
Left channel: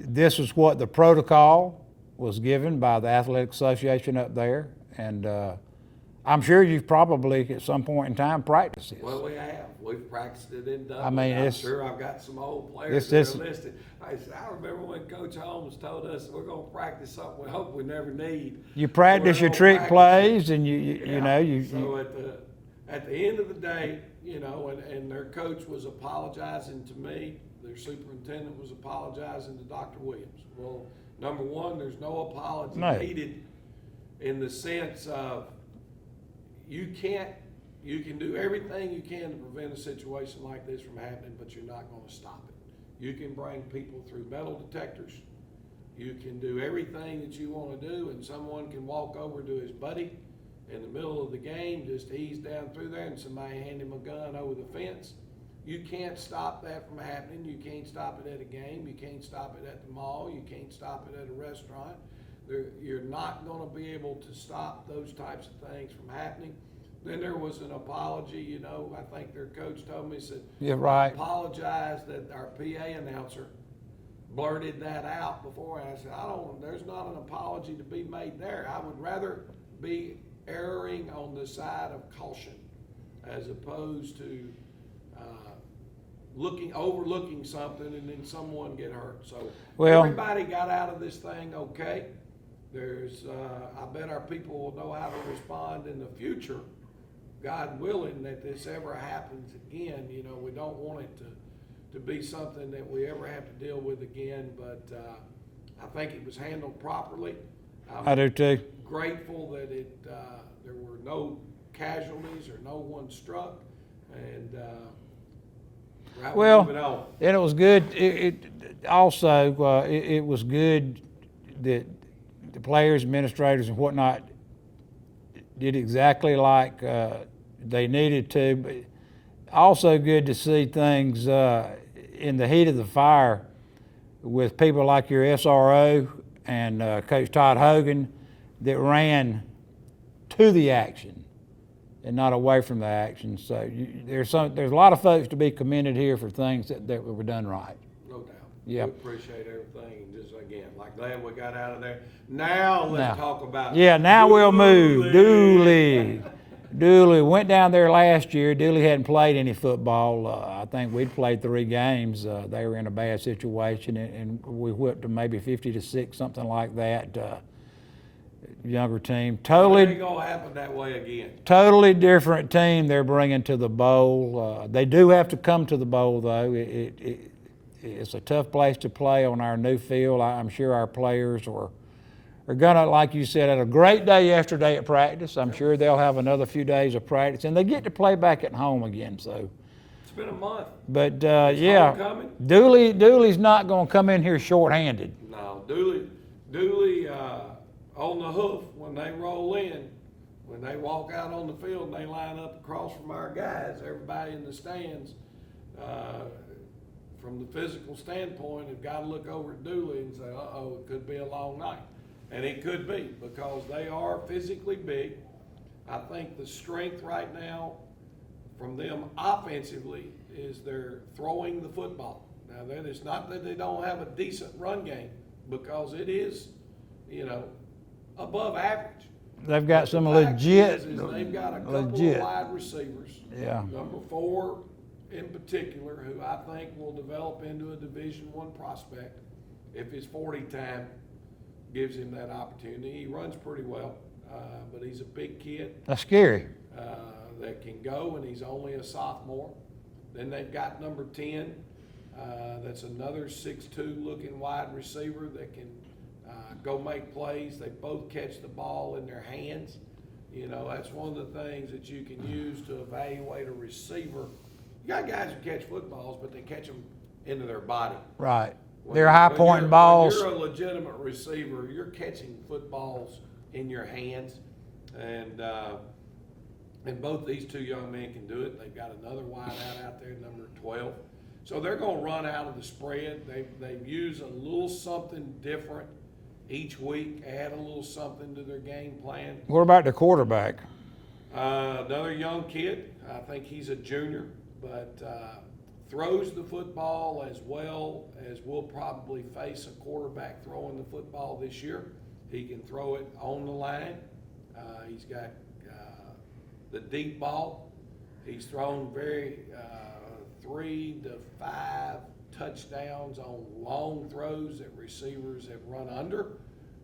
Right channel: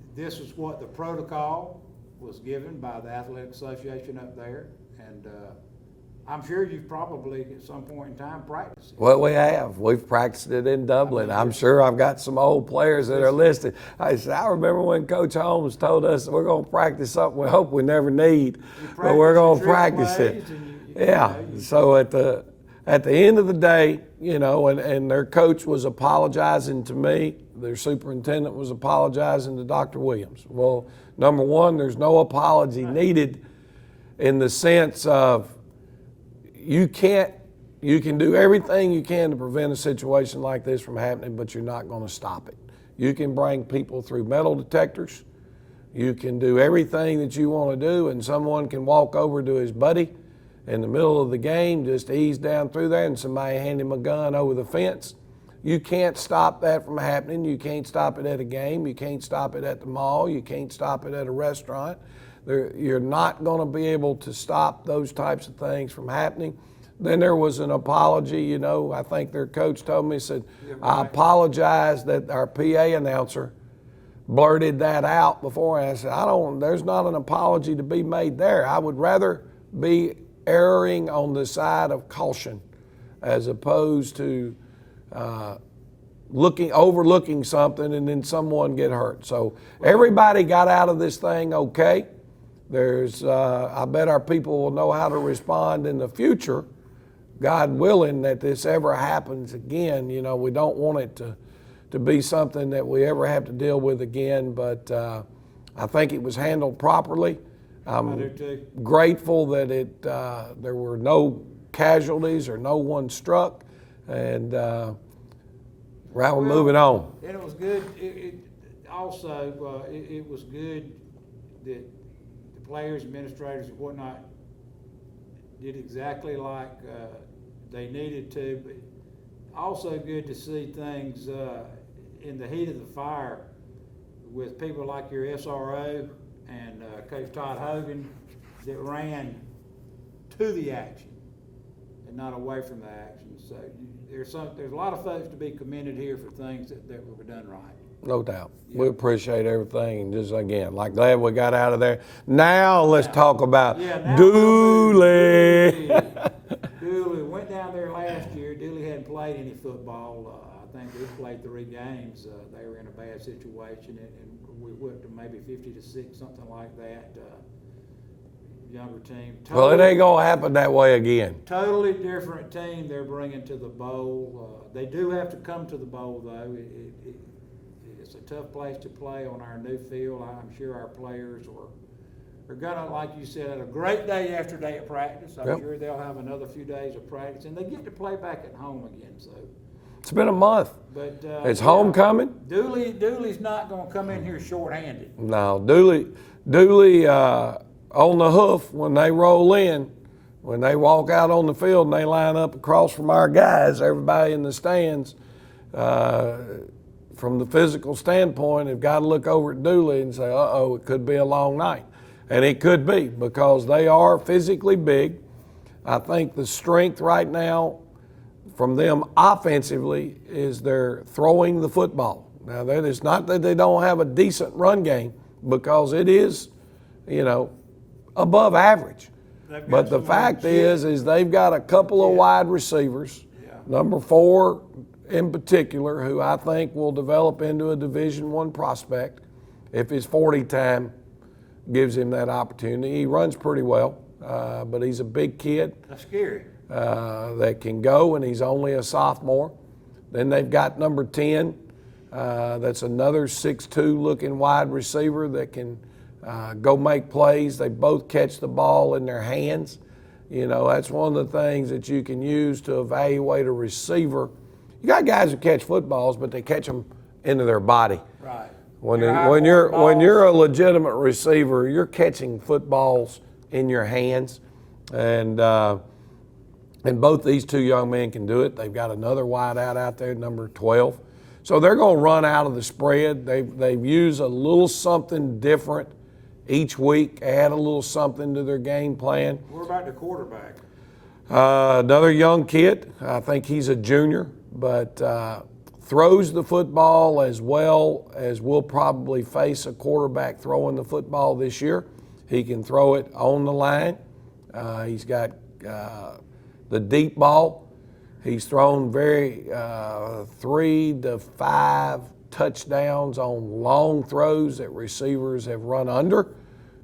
this is what the protocol was given by the Athletic Association up there, and I'm sure you've probably at some point in time practiced it. Well, we have. We've practiced it in Dublin. I'm sure I've got some old players that are listed. I remember when Coach Holmes told us we're going to practice something we hope we never need. You practice your trick plays, and So at the end of the day, you know, and their coach was apologizing to me. Their superintendent was apologizing to Dr. Williams. Well, number one, there's no apology needed in the sense of you can do everything you can to prevent a situation like this from happening, but you're not going to stop it. You can bring people through metal detectors. You can do everything that you want to do, and someone can walk over to his buddy in the middle of the game, just ease down through there, and somebody hand him a gun over the fence. You can't stop that from happening. You can't stop it at a game. You can't stop it at the mall. You can't stop it at a restaurant. You're not going to be able to stop those types of things from happening. Then there was an apology, you know, I think their coach told me, said, Yeah, right. I apologize that our PA announcer blurted that out before. And I said, there's not an apology to be made there. I would rather be erring on the side of caution as opposed to overlooking something and then someone get hurt. So everybody got out of this thing okay. I bet our people will know how to respond in the future, God willing, that this ever happens again. You know, we don't want it to be something that we ever have to deal with again, but I think it was handled properly. I do too. Grateful that there were no casualties or no one struck, and we're moving on. And it was good. It was good that the players, administrators, and whatnot did exactly like they needed to. But also good to see things in the heat of the fire with people like your SRO and Coach Todd Hogan that ran to the action and not away from the action. So there's a lot of folks to be commended here for things that were done right. No doubt. Yep. We appreciate everything. And just again, glad we got out of there. Now let's talk about we'll move. Dooley went down there last year. Dooley hadn't played any football. I think we'd played 3 games. They were in a bad situation, and we whipped them maybe 50-6, something like that. Younger team. Well, it ain't gonna happen that way again. Totally different team they're bringing to the bowl. They do have to come to the bowl, though. It's a tough place to play on our new field. I'm sure our players are gonna, like you said, had a great day yesterday at practice. I'm sure they'll have another few days of practice, and they get to play back at home again. So it's been a month. But it's homecoming. Dooley's not gonna come in here short-handed. No, Dooley on the hoof when they roll in. When they walk out on the field and they line up across from our guys, everybody in the stands, from the physical standpoint, have got to look over at Dooley and say, uh-oh, it could be a long night. And it could be, because they are physically big. I think the strength right now from them offensively is they're throwing the football. Now, that is not that they don't have a decent run game, because it is, above average. They've got but the fact is they've got a couple of wide receivers, number 4 in particular, who I think will develop into a Division I prospect if his 40 time gives him that opportunity. He runs pretty well, but he's a big kid. That's scary. That can go, and he's only a sophomore. Then they've got number 10. That's another 6'2" looking wide receiver that can go make plays. They both catch the ball in their hands. That's one of the things that you can use to evaluate a receiver. You got guys who catch footballs, but they catch them into their body. Right. When you're a legitimate receiver, you're catching footballs in your hands, and both these 2 young men can do it. They've got another wideout out there, number 12. So they're going to run out of the spread. They've used a little something different each week, add a little something to their game plan. What about the quarterback? Another young kid. I think he's a junior, but throws the football as well as we'll probably face a quarterback throwing the football this year. He can throw it on the line. He's got the deep ball. He's thrown 3 to 5 touchdowns on long throws that receivers have run under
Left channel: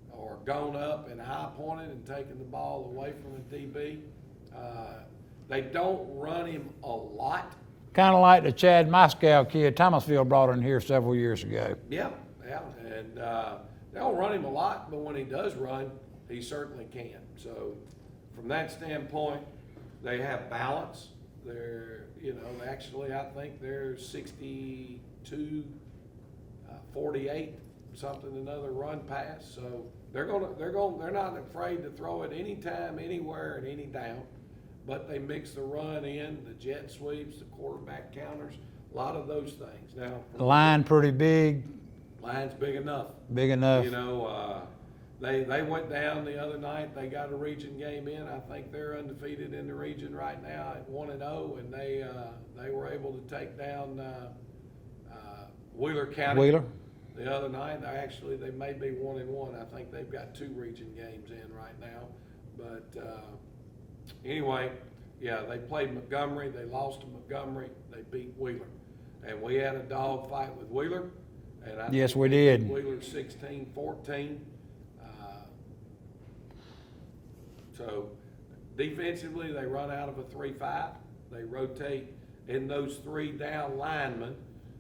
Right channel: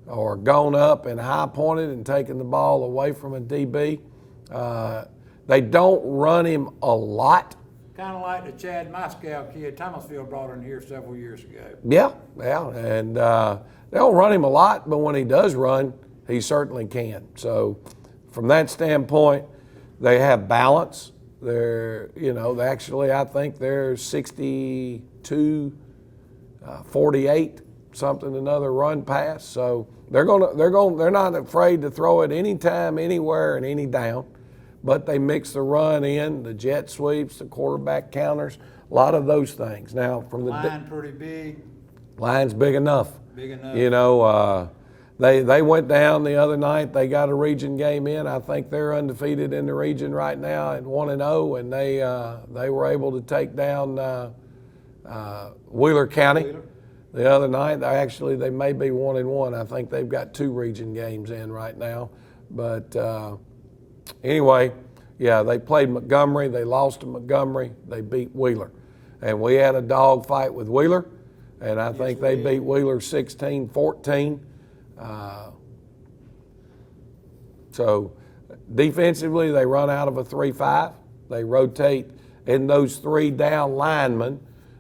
or gone up and high pointed and taken the ball away from a DB. They don't run him a lot. Kind of like the Chad Moscow kid Thomasville brought in here several years ago. Yeah, and they don't run him a lot, but when he does run, he certainly can. So from that standpoint, they have balance. They're, I think they're 62-48, another run pass. So they're not afraid to throw it anytime, anywhere, and any down. But they mix the run in, the jet sweeps, the quarterback counters, a lot of those things. Now, from the line pretty big. Line's big enough. Big enough. You know, they went down the other night. They got a region game in. I think they're undefeated in the region right now at 1-0, and they were able to take down Wheeler County. Wheeler. The other night. They may be 1-1. I think they've got 2 region games in right now. But anyway, yeah, they played Montgomery. They lost to Montgomery. They beat Wheeler. And we had a dog fight with Wheeler, and I think they beat Wheeler 16-14. So defensively, they run out of a 3-5. They rotate in those 3 down linemen.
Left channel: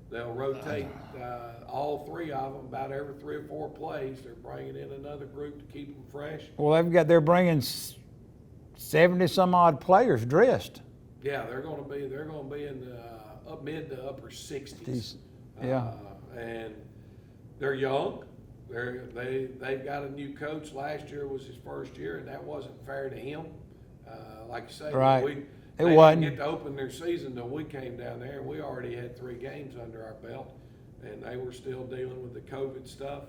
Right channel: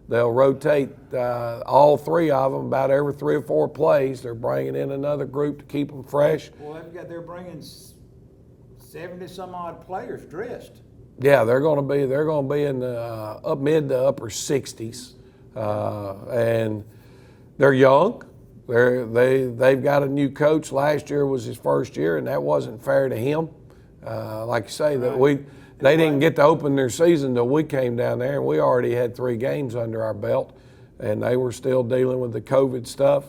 They'll rotate all 3 of them about every 3 or 4 plays. They're bringing in another group to keep them fresh. Well, they're bringing 70 some odd players dressed. Yeah, they're going to be in the mid to upper 60s, and they're young. They've got a new coach. Last year was his first year, and that wasn't fair to him. Like you say, right. They didn't get to open their season until we came down there, and we already had 3 games under our belt, and they were still dealing with the COVID stuff.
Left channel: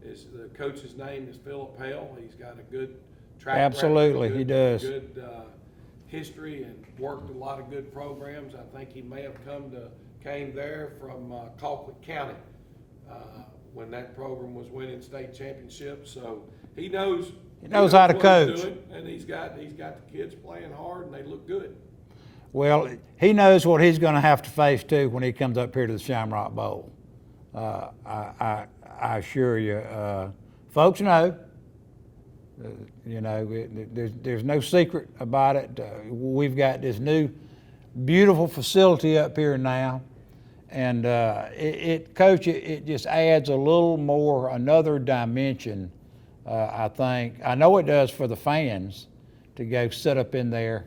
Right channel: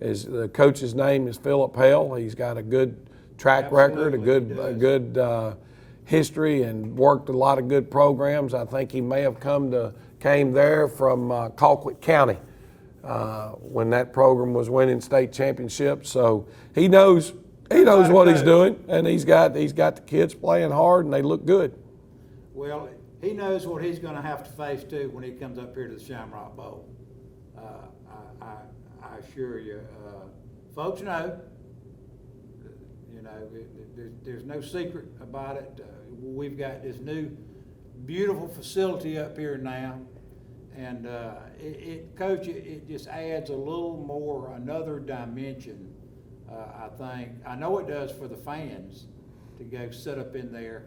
The coach's name is Philip Hale. He's got a good track record, a good history, and worked a lot of good programs. I think he may have came there from Colquitt County when that program was winning state championships. So he knows what he's doing, and he's got the kids playing hard, and they look good. Well, he knows what he's going to have to face too when he comes up here to the Shamrock Bowl. I assure you, folks know. There's no secret about it. We've got this new, beautiful facility up here now, and Coach, it just adds another dimension. I think. I know it does for the fans to go sit up in there,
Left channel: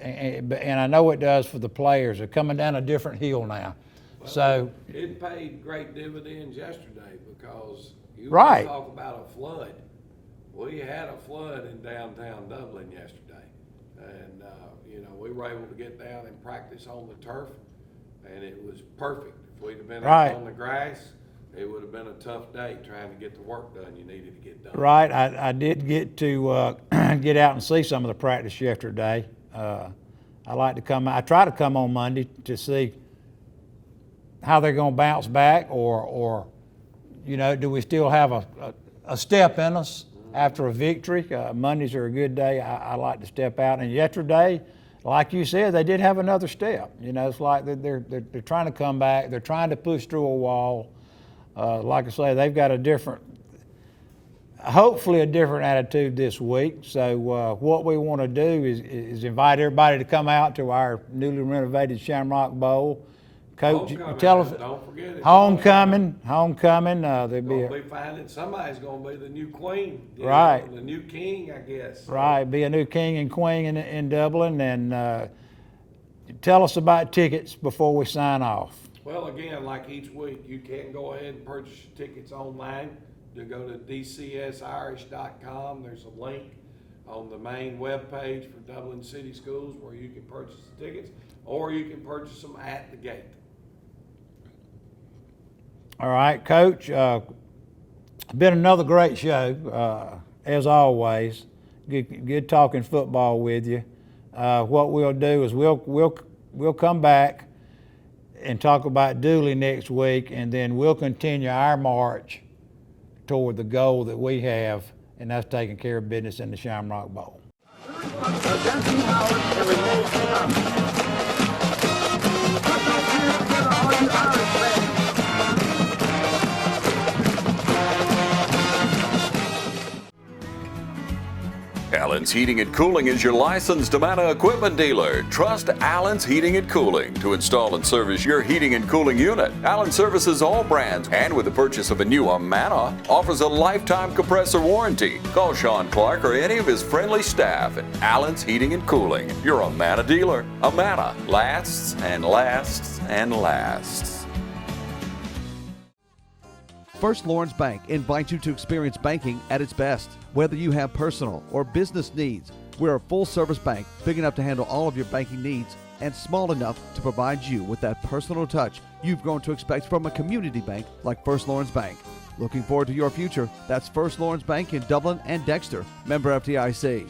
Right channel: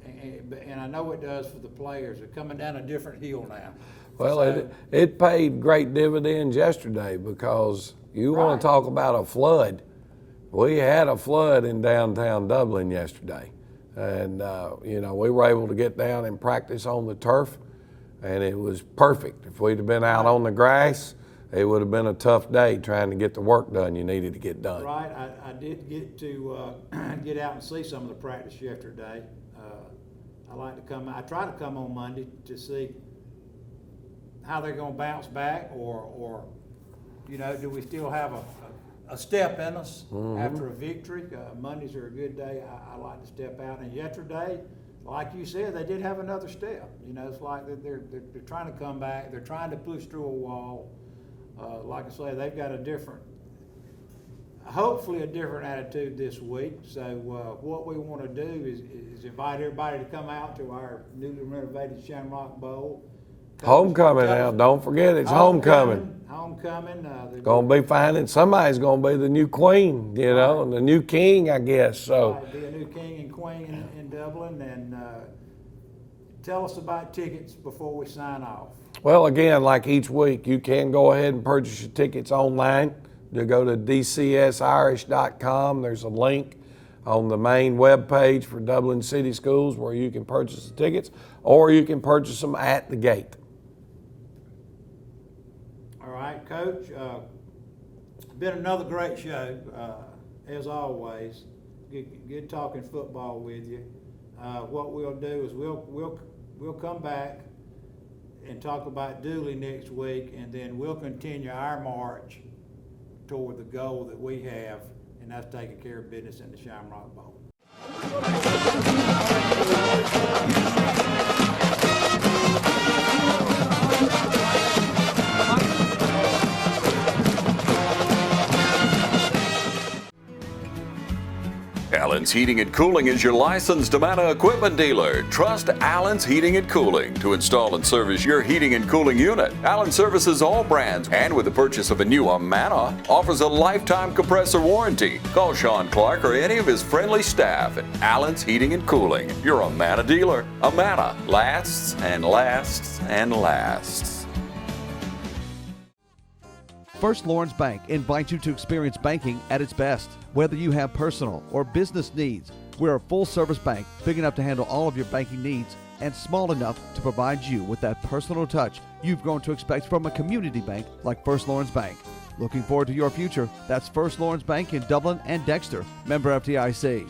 and I know it does for the players. They're coming down a different hill now. Well, so, it paid great dividends yesterday, because you want to talk about a flood. We had a flood in downtown Dublin yesterday, and we were able to get down and practice on the turf, and it was perfect. If we'd have been out on the grass, it would have been a tough day trying to get the work done you needed to get done. Right. I did get to get out and see some of the practice yesterday. I like to come. I try to come on Monday to see how they're going to bounce back, or do we still have a step in us after a victory? Mondays are a good day. I like to step out. And yesterday, like you said, they did have another step. It's like they're trying to come back. They're trying to push through a wall. Like I say, they've got hopefully a different attitude this week. So what we want to do is invite everybody to come out to our newly renovated Shamrock Bowl. Coach, homecoming now, don't forget it's homecoming. Homecoming. Somebody's going to be the new queen, and the new king, I guess. So. Right, be a new king and queen in Dublin. And tell us about tickets before we sign off. Well, again, like each week, you can go ahead and purchase your tickets online. You go to dcsirish.com. There's a link on the main web page for Dublin City Schools where you can purchase the tickets, or you can purchase them at the gate. All right, Coach. Been another great show, as always. Good talking football with you. What we'll do is we'll come back and talk about Dooley next week, and then we'll continue our march toward the goal that we have, and that's taking care of business in the Shamrock Bowl. Allen's Heating and Cooling is your licensed Amana equipment dealer. Trust Allen's Heating and Cooling to install and service your heating and cooling unit. Allen services all brands, and with the purchase of a new Amana, offers a lifetime compressor warranty. Call Sean Clark or any of his friendly staff at Allen's Heating and Cooling, your Amana dealer. Amana lasts and lasts and lasts. First Lawrence Bank invites you to experience banking at its best. Whether you have personal or business needs, we're a full-service bank big enough to handle all of your banking needs and small enough to provide you with that personal touch you've grown to expect from a community bank like First Lawrence Bank. Looking forward to your future? That's First Lawrence Bank in Dublin and Dexter. Member FDIC.